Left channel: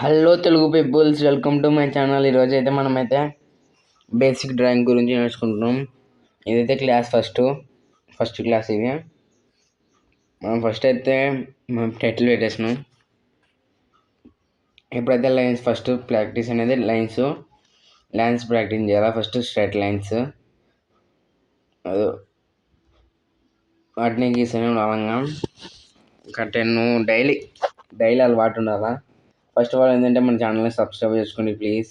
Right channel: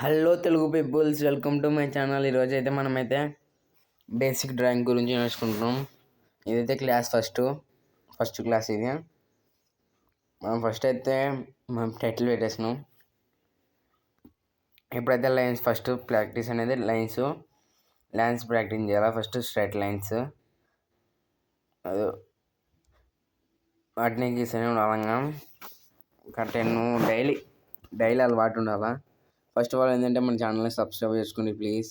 Hello Telugu peoples, welcome to my channel. ఈరోజు అయితే మనమైతే బేసిక్ డ్రాయింగ్ గురించి నేర్చుకుంటున్నాం. ఇదైతే క్లాస్ ఫస్ట్ క్లాస్ ఇది. మనం ఫస్ట్ అయితే మనం టైటిల్ పెట్టేసినాం. ఎప్పుడైతే లైన్స్ ఫస్ట్ ప్రాక్టీస్ అనేది లైన్స్ ప్రాక్టీస్ చేయాలి. ఫస్ట్ స్ట్రైట్ లైన్స్ వాటిని గీస్తూనే ఉండాలంగా. డైలీ అలవాటు ఉండాలా. ఫస్ట్ ఆఫ్ ఆల్ ఏంటంటే మన ఛానల్ని సబ్స్క్రైబ్ చేసుకోండి ప్లీజ్.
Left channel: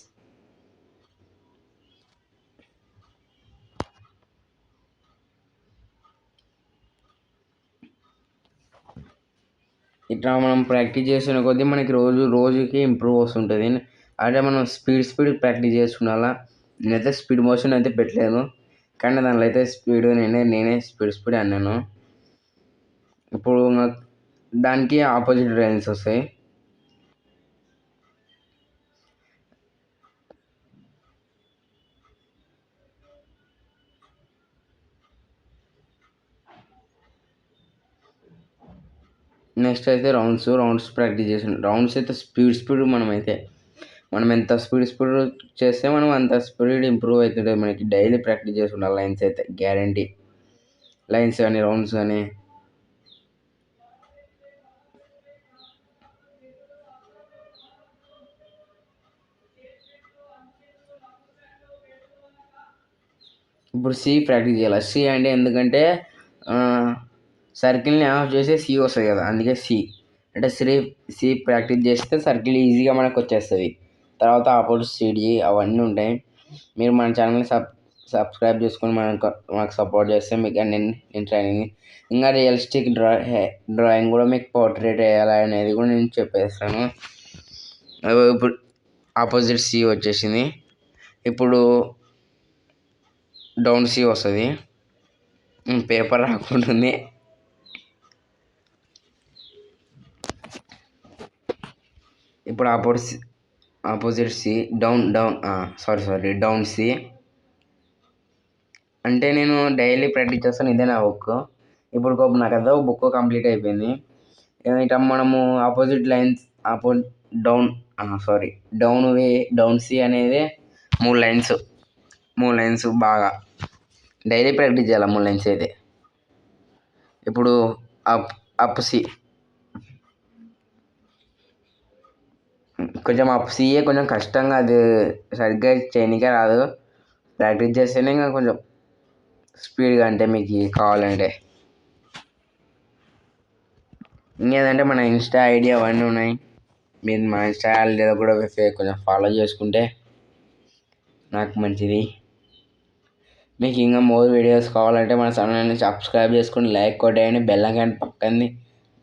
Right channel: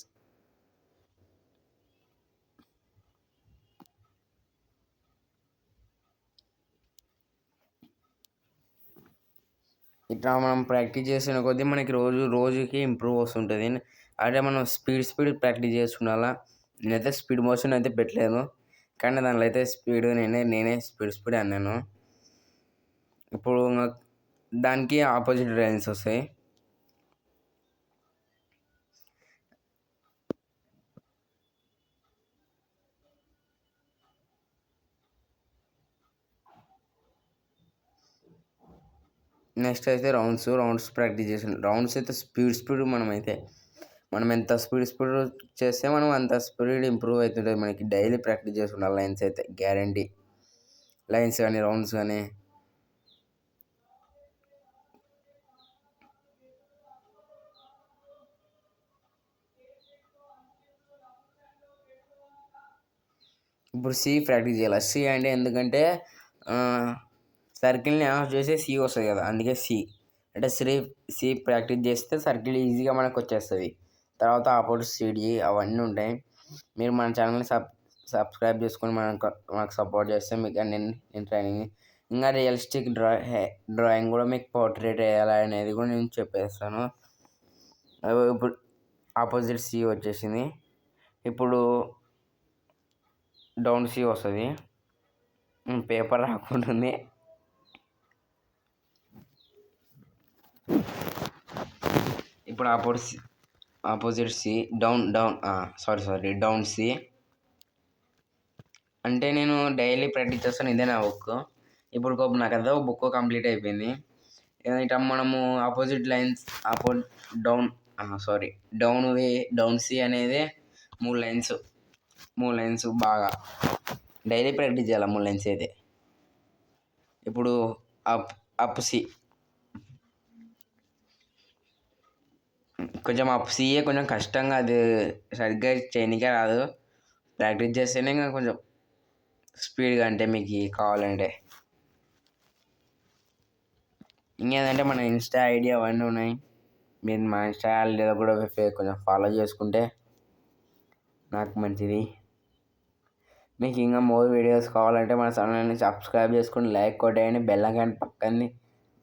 ఇట్లా మనం ప్రాక్టీస్ చేసిన కొద్దీ మనకి రోజుకి ఇంప్రూవ్ వస్తుంటుంది. అంటే మనం స్పీడ్ ప్రాక్టీస్ చేసుకున్నాలా. నేనైతే స్పీడ్ మోషన్ అయితే పెట్టలేను, కానీ దానిలో అయితే స్పీడ్ నేనే స్పీడ్ అన్నాను. ఇప్పుడు దానికి ఆపోజిట్ లైన్స్ వస్తాయి. నెక్స్ట్ అయితే రౌండ్స్ ప్రాక్టీస్ చేసాను. రౌండ్స్ అయితే స్పీడ్ మనం ఎంత స్పీడ్ చేస్తే మనం అంత స్పీడ్ ఇంప్రూవ్ అవుతుంటుంది. మనకి డైలీ ప్రాక్టీస్ చేసుకుంటాం లైన్స్ అయితే గ్యారంటీ. లైన్స్ కానీ రౌండ్స్ కానీ. ఇప్పుడు సి ప్రాక్టీస్ చేయాలి. సి అంటే ఎందుకంటే సర్కిల్ని ఆఫ్ చేస్తే సి వస్తుంది కదా, అందుకే సి అంటే సి ప్రాక్టీస్ చేస్తే సర్కిల్ ఈజీగా మనకు వచ్చేస్తుంది. తర్వాత ఆపోజిట్ సిడి అవన్నీ ఉంటాయి. మీరు మన ఛానల్ని సబ్స్క్రైబ్ చేసుకొని మాకు సపోర్ట్ చేస్తే మీకు నేను ట్రైనింగ్ ఇంకా రియలిస్టిక్ డ్రాయింగ్ కూడా మీకు పోర్ట్రేట్ వేయాలి అనేది కూడా నేను చెప్పేస్తాను. ఇప్పుడు ఆపోజిట్ సి వచ్చేసింది. ఇప్పుడు డౌన్ సి వస్తుంది. పేపర్ రాకుంటుంది. ఇప్పుడు ఆపోజిట్ సి డౌన్ సి అంటే నేను డైలీ ప్రాక్టీస్ చేస్తాను. ఇదే నా బుక్. ఇప్పుడు నాకు అదే బుక్ కంప్లీట్ అయిపోయింది. ఇట్లా మనము ఆపోజిట్ లైన్స్ డౌన్ సి అనేది మూడు లైన్స్ బాగా డైలీ ప్రాక్టీస్ చేయాలి. 3 లైన్స్ అయితే. ఇప్పుడు అప్ సి కొంచెం అప్ సిఏ కొంచెం కష్టంగా, అది సరిగ్గా చేయనికే రాదు. ప్రాక్టీస్ చేస్తేనే ఇంకా కొంచెం స్పీడ్గా అంటే మీకు కావాలంటే. ఇంకేదంటే మన ఇన్స్టా ఐడి అవన్నీ ఉన్నాయి. మీరు మా ఇన్స్టా ఐడియా కూడా కొంచెం ఫాలో చేసుకుంటే నాకు మంచిది. మీకు ఇంకా మోర్ వీడియోస్ కావాలంటే మన ఛానల్ని సబ్స్క్రైబ్ చేసుకుని లైక్ కొట్టేయండి. బెల్ ఐకాన్ పక్కన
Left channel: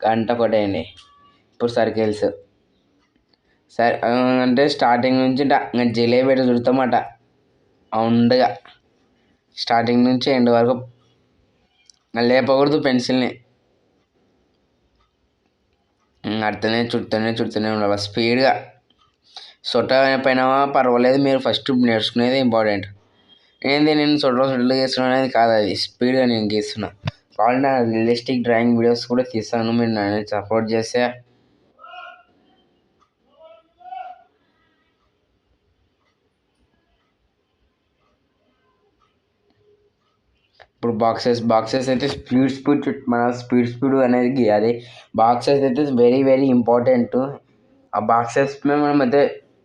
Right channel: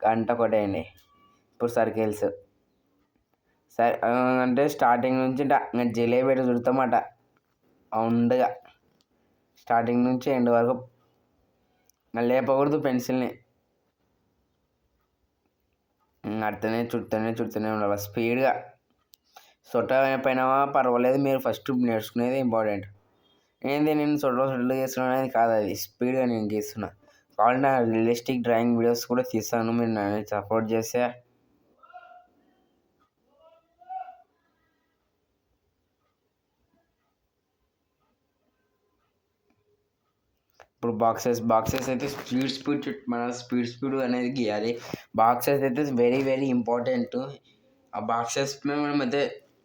గంట కొట్టేయండి. ఇప్పుడు సర్కిల్స్ అంటే స్టార్టింగ్ నుంచి జిలేబీ చుడతామట ఉండగా. స్టార్టింగ్ నుంచి ఎండ్ వరకు లేపకూడదు పెన్సిల్ని. అట్లనే చుడుతూనే ఉండాలి స్పీడ్గా. సొట్ట పైన పర్వాలేదు, మీరు ఫస్ట్ నేర్చుకునేది ఇంపార్టెంట్. నేను సొట్టలు గీస్తున్నాను అనేది కాదు, అది స్పీడ్గా నేను గీస్తున్నా. కావాలంటే నా రియలిస్టిక్ డ్రాయింగ్ వీడియోస్ కూడా తీస్తాను, మీరు నన్ను సపోర్ట్ చేస్తే. ఇప్పుడు బాక్సెస్ అయితే స్పీడ్ అనేది గీయాలి. బాక్సెస్ అయితే వెరీ ఇంపార్టెంట్. ఆ బాక్సెస్ మనం అయితే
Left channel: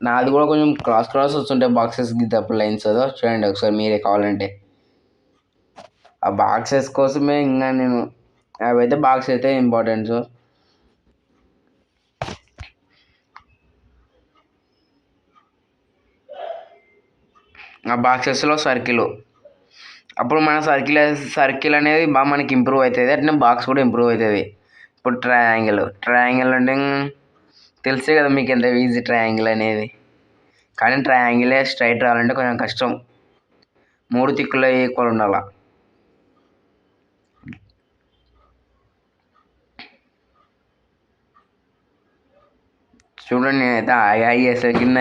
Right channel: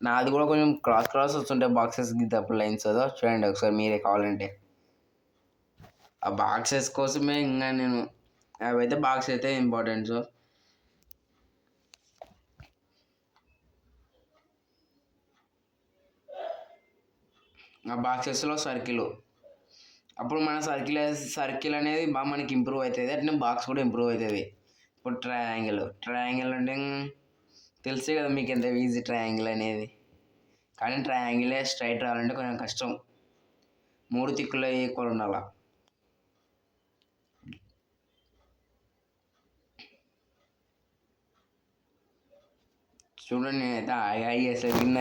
నాది కూడా కొంచెం క్రాస్ వస్తుంటాయి బాక్సెస్ గీతప్పుడు లైన్స్. చూడండి ఒకసారి మీరే కావాలంటే. ఆ బాక్సెస్ కోసమే ఇంకా నేను అవైతే బాక్స్ అయితే ఇంపార్టెంట్. ఆ బాక్సెస్లో అప్పుడు మన సర్కిల్ అనేది బాగా మనకి ఇంప్రూవ్ అవుతుంది. అట్నే బాక్స్ కూడా ఇంప్రూవ్ అవుతుంది. ఇప్పుడు ట్రయాంగిల్ అంటే తెలిసే కదా మీకు ఎంత ఈజీ ట్రయాంగిల్ అనేది. కానీ ట్రయాంగిలే స్ట్రైట్ రావాలంటే కొంచెం కష్టం. 3 దిక్కులు ఈక్వల్ ఉండాల. చూడండి, నేనైతే కింద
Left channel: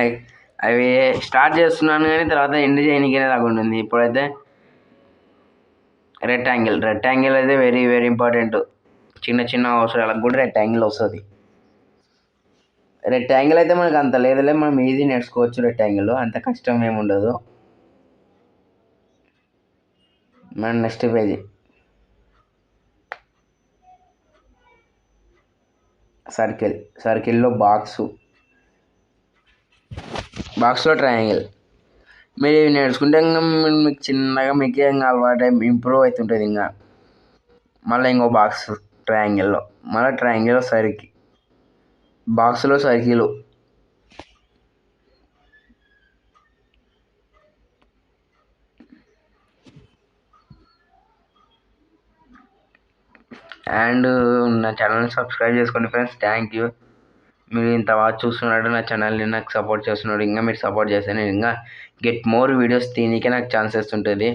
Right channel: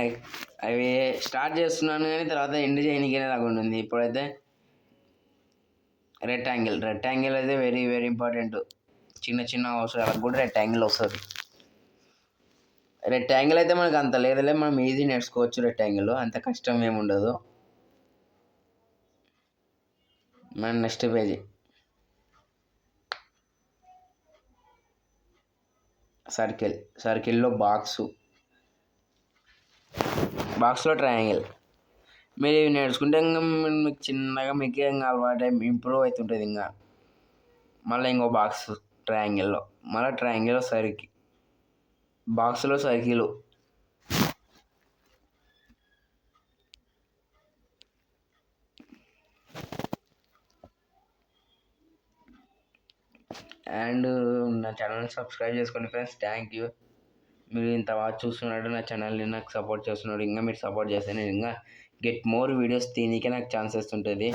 అవి స్టార్ట్ చేస్తున్నాను, కానీ తర్వాత ఎండ్ చేయడానికి రాకుండా. ఇప్పుడైతే రెక్టాంగిల్ అయితే వెరీ ఇంపార్టెంట్. చిన్న అవసరాలకు కూడా రెక్టాంగిల్ వస్తుంది. రెక్టాంగిల్ అయితే మనకు అంత లేదులే, మనం ఈజీ నేర్చుకోవచ్చు. రెక్టాంగిల్ అంత కష్టం ఏమి ఉండదు. మన నెక్స్ట్ పేజీ సర్కిల్లో బాక్స్లో ట్రయాంగిల్. మీరు ఇవి నేర్చుకుంటే ఇంకా మీకు చిన్నగా మీకు ఇంకా అలవాటు ఇంప్రూవ్ అవుతుంటుంది. ఇంకా మళ్ళీ ఇంకో బాక్స్ ట్రయాంగిల్లో, మళ్ళీ ట్రయాంగిల్లో బాక్స్లో సర్కిల్. అండ్ నా ఛానల్ని సబ్స్క్రైబ్ చేసుకోండి ఫ్రెండ్స్. Thank you. మీరు ఇంత బాగా చూస్తున్నాడు నా ఛానల్ని, నాకు సపోర్ట్ చేస్తున్నాడు. ఇంకా మీరు సపోర్ట్ చేస్తే నేను ఇంకా గెట్ మోర్ వీడియోస్ తీయనీకే నాకు ఛాన్సెస్ ఉంటుంది.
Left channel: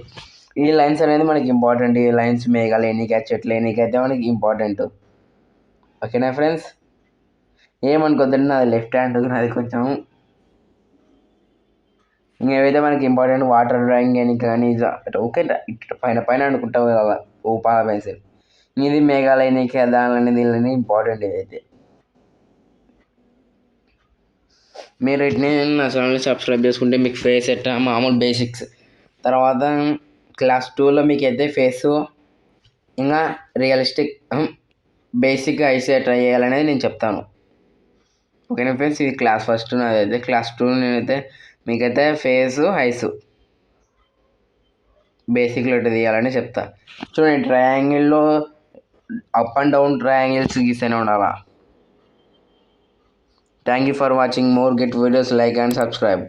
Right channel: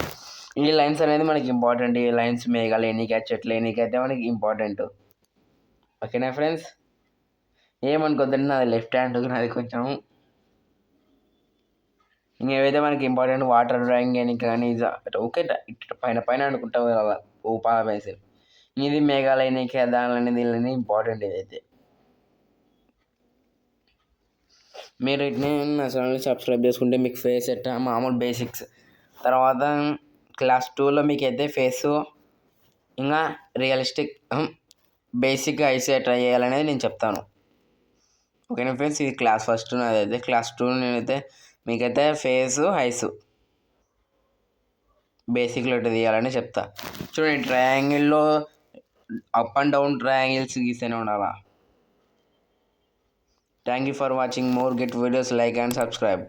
ఈ లైన్స్ అనేది మనకి ఇంపార్టెంట్. ఈ లైన్స్ మేఘాలు ఎన్నిక చెట్లు ఎన్నికైతే మనకి ఇంపార్టెంట్. ఓకేనా ఫ్రెండ్స్? ఏమనుకోద్దండి, నాది లెఫ్ట్ హ్యాండ్, నాది కొంచెం ఇంకేవైతే మనకి ఇంపార్టెంట్ వాటర్ డ్రాయింగ్ అని కానీ ఓకే పైన అనుకుంటాం కదా ఊపాల పెన్సిల్. ఇది మేఘాలు ఎన్నిక దానిలని దీనిని ఇంపార్టెంట్. ఇదైతే మీరు వీటిని నా ఛానల్ని సబ్స్క్రైబ్ చేసుకుంటే మీకు ఫేస్ ఎట్టా మామూలు బేసిక్స్, తర్వాత క్లాస్ 2లో మీకు అయితే ఫేసు ఇంకా రియలిస్టిక్ బేసిక్ ఐస్ ఎట్లా చేయాలనేది నేను చెప్తాను. ఓకేనా ఫ్రెండ్స్? ఇది క్లాస్ 1 నాదైతే. క్లాస్ 2 నేనైతే మీకైతే ఫేసు ఐస్ బేసిక్లో ఎట్లా తీయాలని చెప్తా. చూడండి, ట్రయాంగిల్లో అప్ అండ్ డౌన్ ట్రయాంగిల్స్ గీస్తూనే ఉండాలా. Thank you for watching more. Get videos, like and subscribe.